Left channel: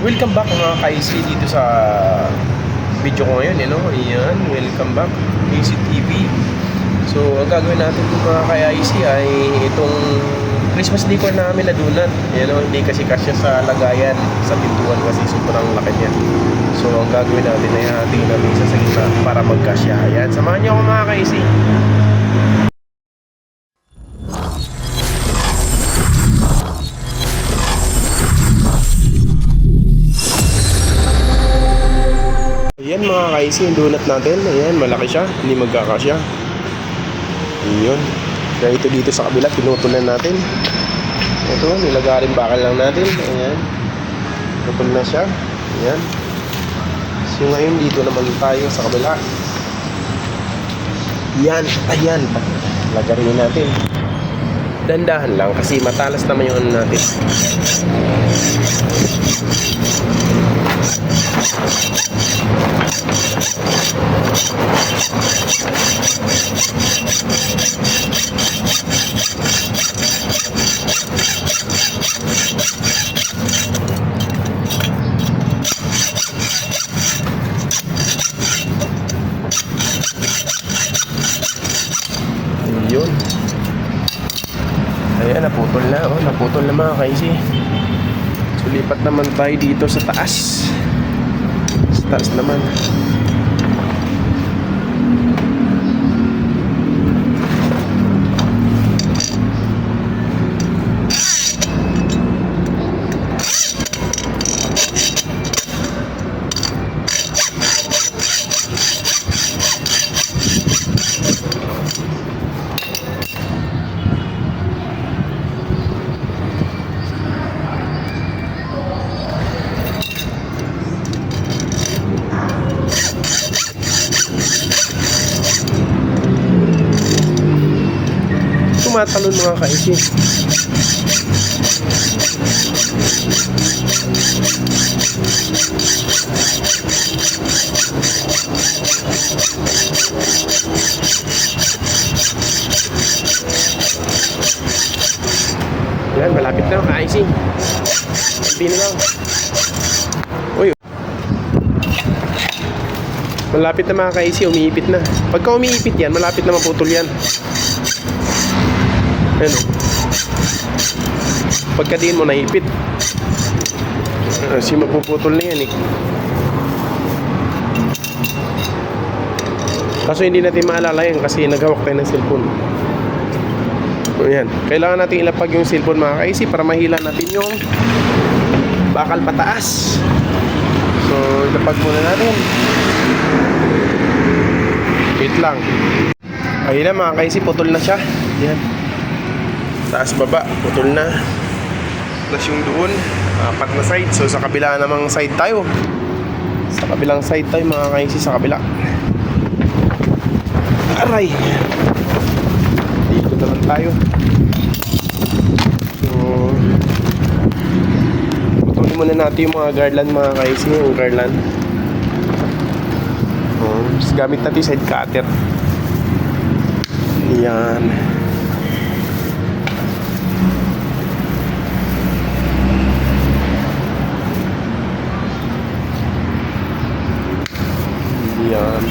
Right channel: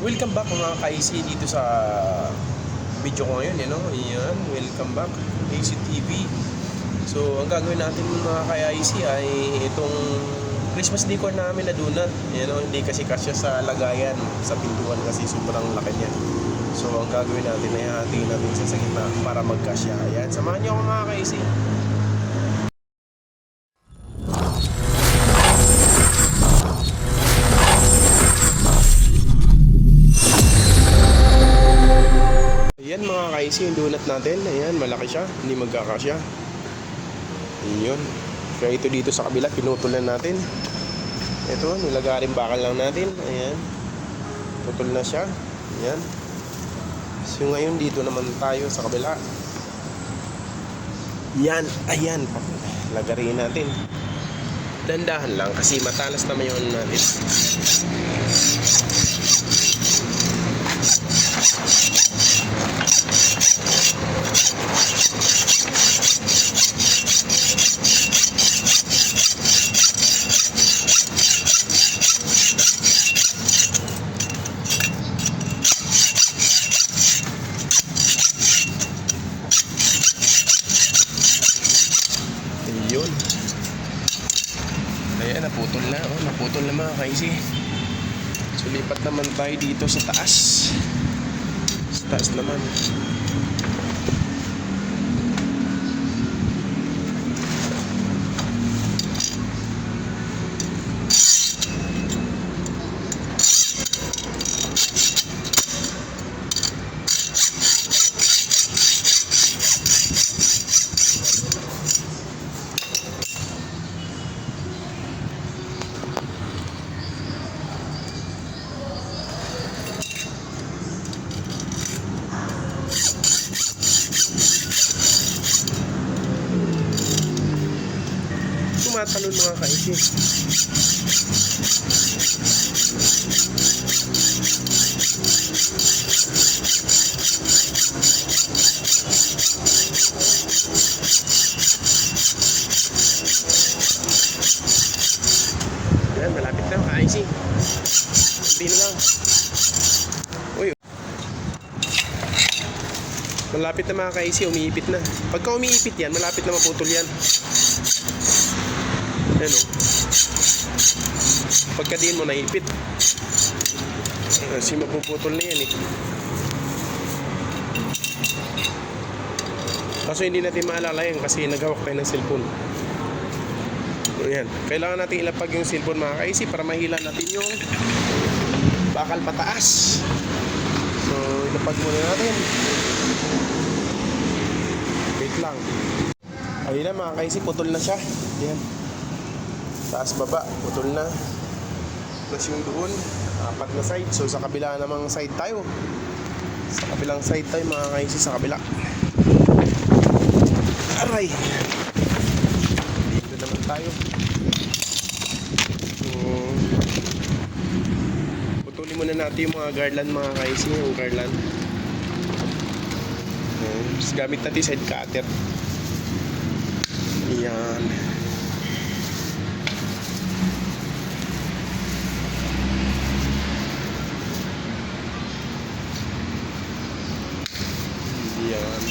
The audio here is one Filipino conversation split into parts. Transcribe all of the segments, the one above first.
Welcome back mga ka-AC dito sa video ko ngayon, Ayan, welcome back ACTV. So, ang gagawin natin kung mga ka-AC ay itong Christmas decor namin na donut. Hindi kasi kasya sa lagayan, sa pintuan kasi sobrang laki niya. So, ang gagawin natin ay hatiin namin sa gitna para magkasya. Ayan, samahan niyo ako mga ka-AC. Ayan mga kaisi, yung donut natin. Ayan, malaki siya. Hindi magkakasya. Ayan. Kaya ito dito sa kabila, pinutulan natin. Ito, nilagarin bakal lang natin. Ayan. Pinutol na siya. Ayan. So ngayon dito naman tayo sa kabila. Ayan, ayan. Lagarin natin. Dandahan lang kasi matalas naman yung ano natin. Yun. Ayan, naputol na. Naputol na mga kaisi. So, lipat naman tayo dito sa taas. Sa taas naman. Tumatalon mga kaisi. Yan, malapit na mga kaisi. Hindi na lang. Uy. Malapit na mga kaisi, umiipit na. Pagka umiipit yan, malapit na maputol yan. Ayan o. Pagkadiin mo naipit. Kasi mapuputol na yan eh. Kaso hindi natin maalala yan kasi naghawak tayo ng cellphone. Ayan. Kailangan natin ilapag yung cellphone mga kaisi para mahila natin yung bakal pataas. So ilapag muna natin. Wait lang. Ayun na mga kaisi, putol na siya. Ayan. Taas baba, putol na. Plus yung doon, apat na side. So sa kabila namang side tayo. Sa kabilang side tayo mga kaisi, sa kabila. Aray! Dito naman tayo. So putulin muna natin yung mga garland mga kaisi. Yung garland. Tapos gamit natin side cutter. Yan. Yan.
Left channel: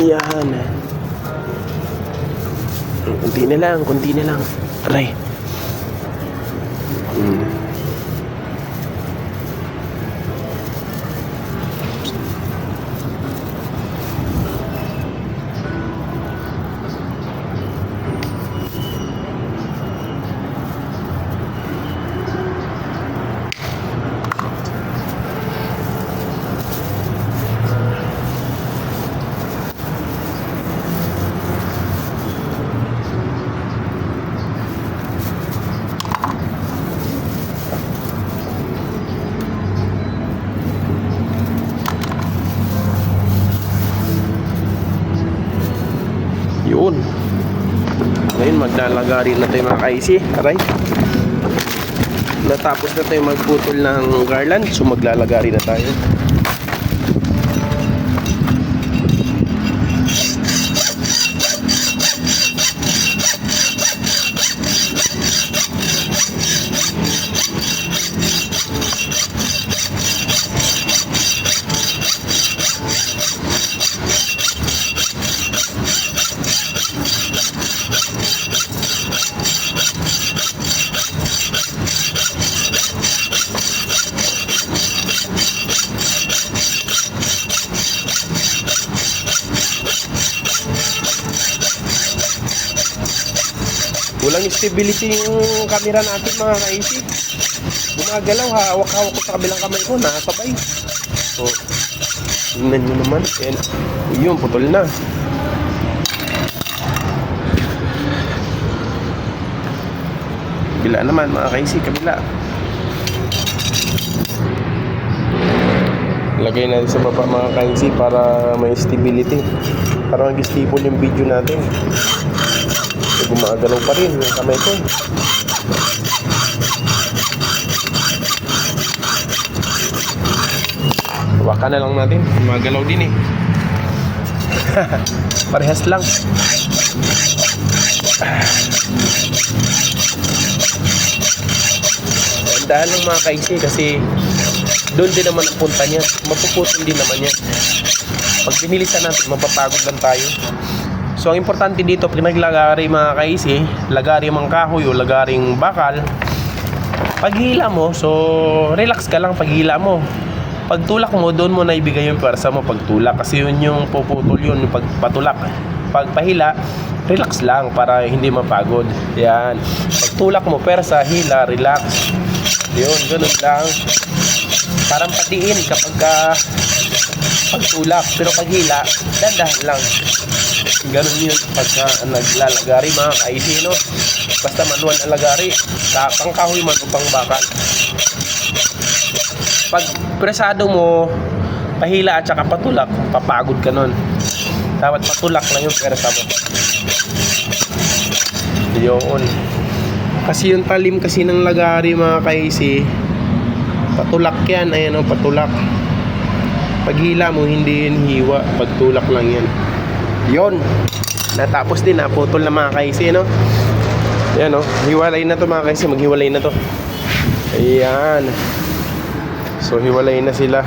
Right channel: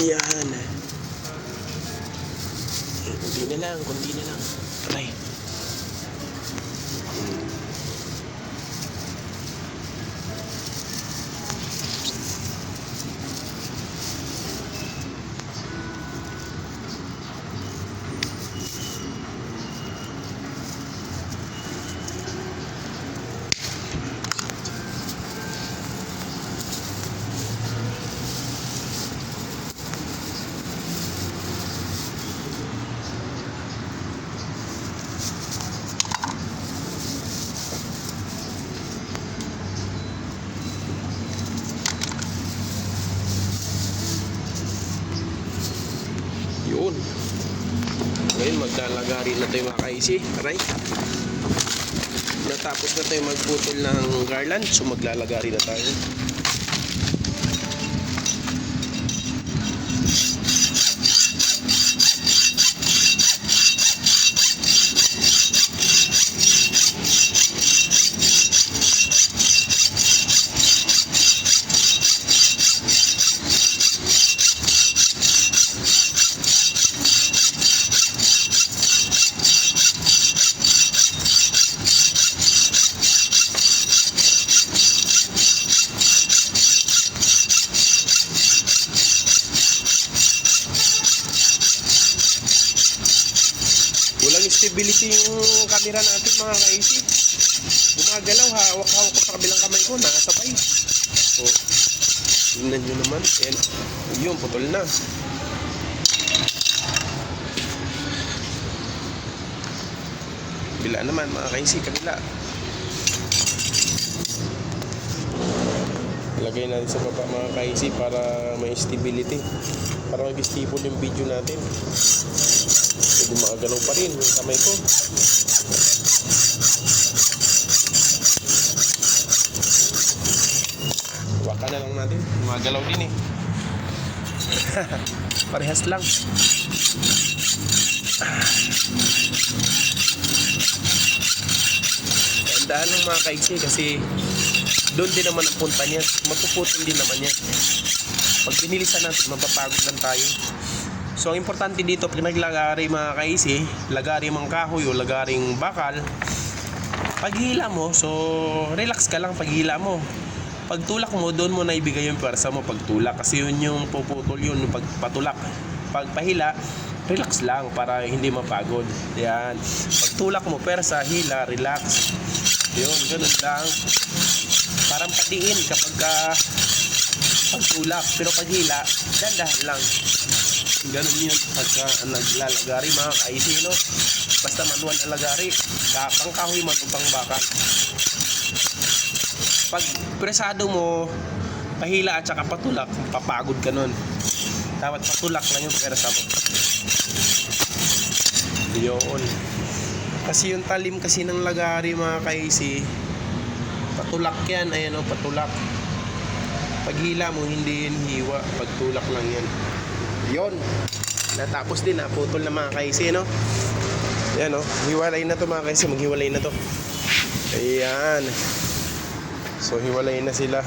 Yan. Kunti na lang, kunti na lang. Aray. Yun. Ngayon maglalagari na tayo mga kaisi. Aray. Natapos na tayo magputol ng garland. So maglalagari na tayo. Walang stability yung camera natin mga kaisi. Gumagalaw, hawak-hawak ko sa kabilang kamay ko, nakasabay. So, tingnan nyo naman. And, yun, putol na. Kabila naman mga kaisi, kabila. Lagay natin sa baba mga kaisi para may stability. Para mag-stable yung video natin. Gumagalaw pa rin yung kamay ko. Hawakan na lang natin. Gumagalaw din eh. Parehas lang. Tandaan lang mga kaisi kasi doon din naman ang punta niya. Mapuputol din naman yan. Pag binilisan natin, mapapagod lang tayo. So ang importante dito pag naglagari mga kaisi, lagari mang kahoy o lagaring bakal, paghila mo, so relax ka lang paghila mo. Pagtulak mo, doon mo na ibigay yung pwersa mo pagtulak kasi yun yung puputol yun, yung pagpatulak. Pagpahila, relax lang para hindi mapagod. Yan. Pagtulak mo, pwersa, hila, relax. Yun, ganun lang. Parang patiin kapag pagtulak, pero paghila, dandahan lang. Ganun yun pagka naglalagari mga kaisi, no? Basta manual na lagari, pang kahoy man o pang bakal. Pag presado mo, pahila at saka patulak, papagod ka nun. Dapat patulak lang yung persa mo. Yun. Kasi yung talim kasi ng lagari mga kaisi, patulak yan, ayan o, patulak. Paghila mo, hindi yun hiwa, pagtulak lang yan. Yun. Natapos din, naputol na mga kaisi, no? Yan o, hiwalay na to mga kaisi, maghiwalay na to. Ayan. So hiwalay na sila.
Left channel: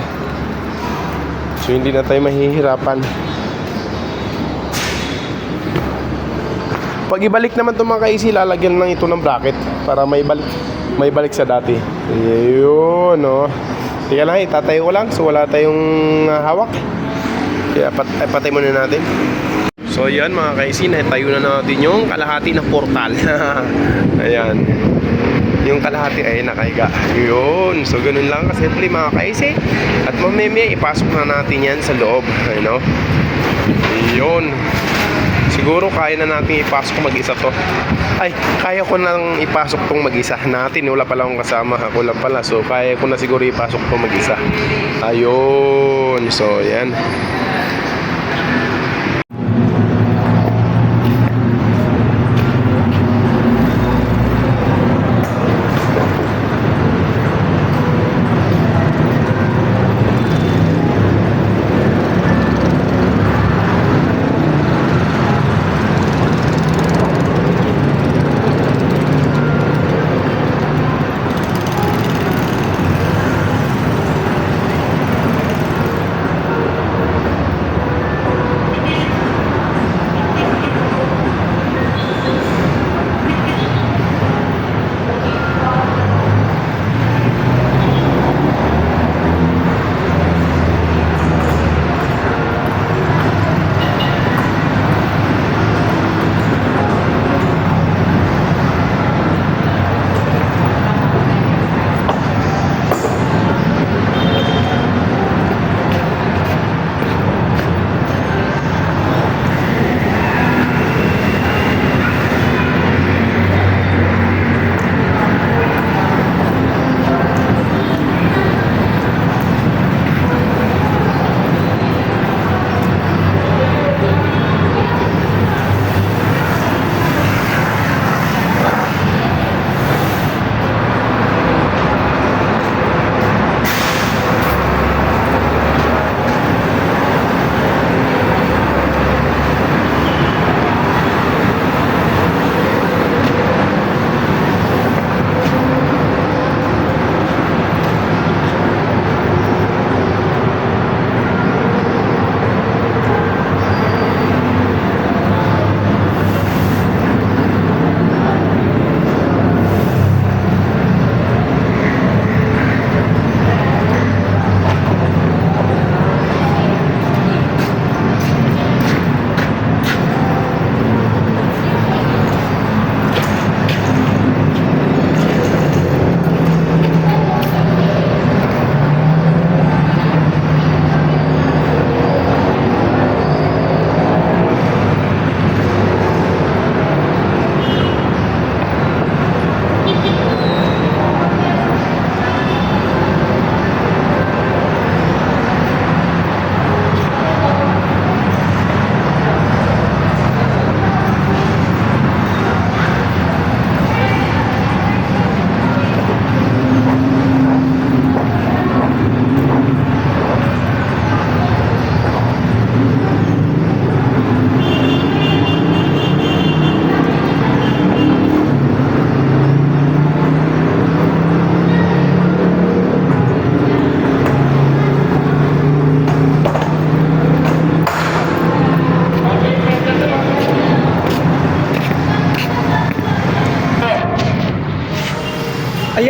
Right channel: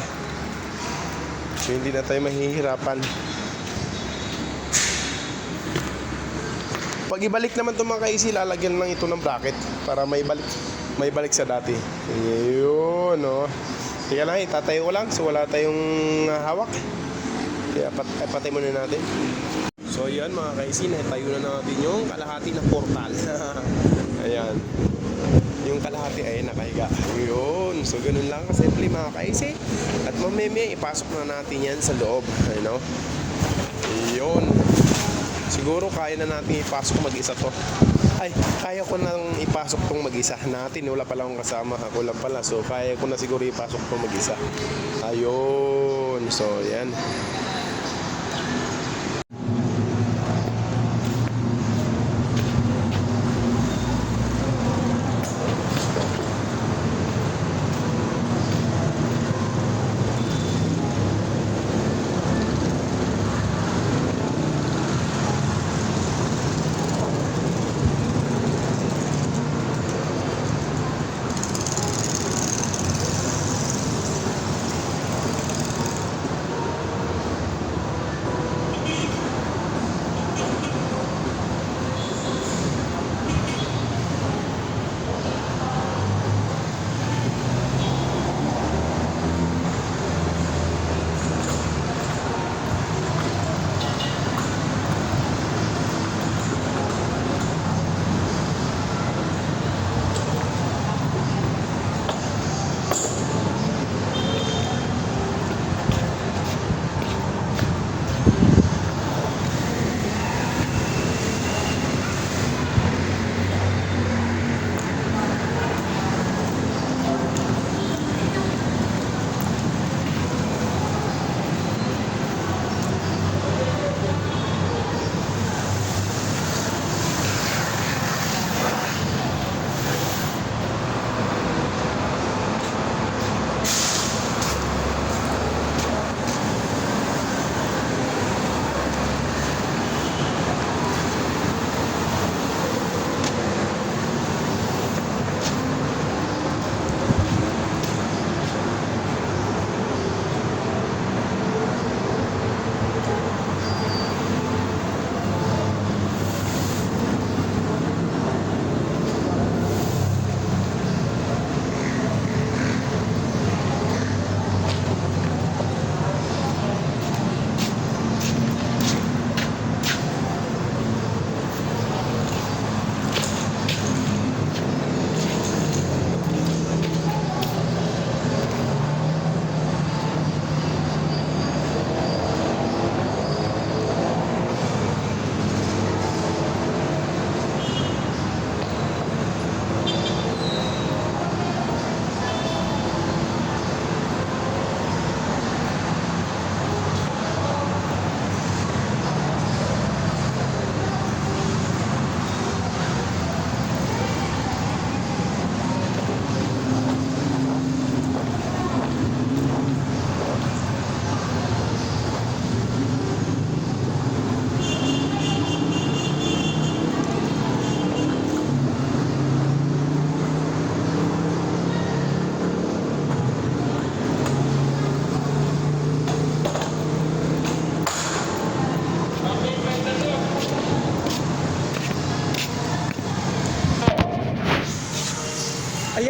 So hindi na tayo mahihirapan. Pag ibalik naman to mga kaisi, lalagyan lang ito ng bracket para may balik sa dati. Ayun, no? Tika lang, itatayo ko lang. So wala tayong hawak. Kaya patay muna natin. So yan mga kaisi, tayo na natin yung kalahati ng portal. Ayan. Yung kalahati ay nakahiga. Yun. So ganun lang kasimple mga kaisi. At mamaya ipasok na natin yan sa loob. Ayun. Yun. Siguro kaya na natin ipasok mag-isa to. Ay, kaya ko nang ipasok tong mag-isa natin. Wala pala akong kasama. Ako lang pala. So kaya ko na siguro ipasok tong mag-isa. Ayun. So yan.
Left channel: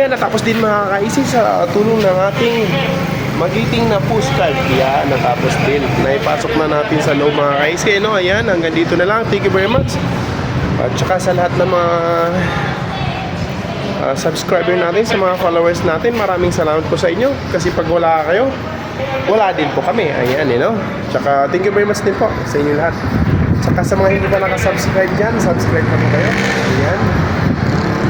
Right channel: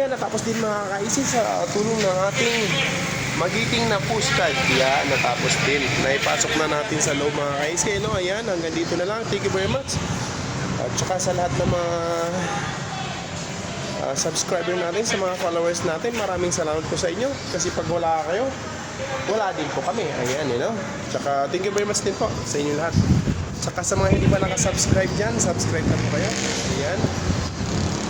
Ayan, natapos din mga kaisi sa tulong ng ating magiting na postcard. Yan, natapos din. Naipasok na natin sa loob mga kaisi. No? Ayan, hanggang dito na lang. Thank you very much. At saka sa lahat ng mga subscriber natin, sa mga followers natin, maraming salamat po sa inyo. Kasi pag wala kayo, wala din po kami. Ayan, you know. Tsaka thank you very much din po sa inyo lahat. Tsaka sa mga hindi pa nakasubscribe dyan, subscribe na po kayo. Ayan.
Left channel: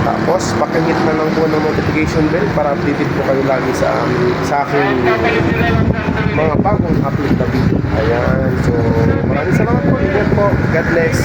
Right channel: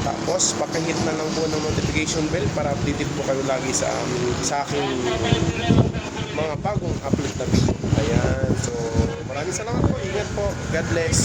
Tapos, pakihit na lang po ng notification bell para updated po kayo lagi sa aking mga bagong upload na video. Ayan. So, maraming salamat po. Ingat po. God bless.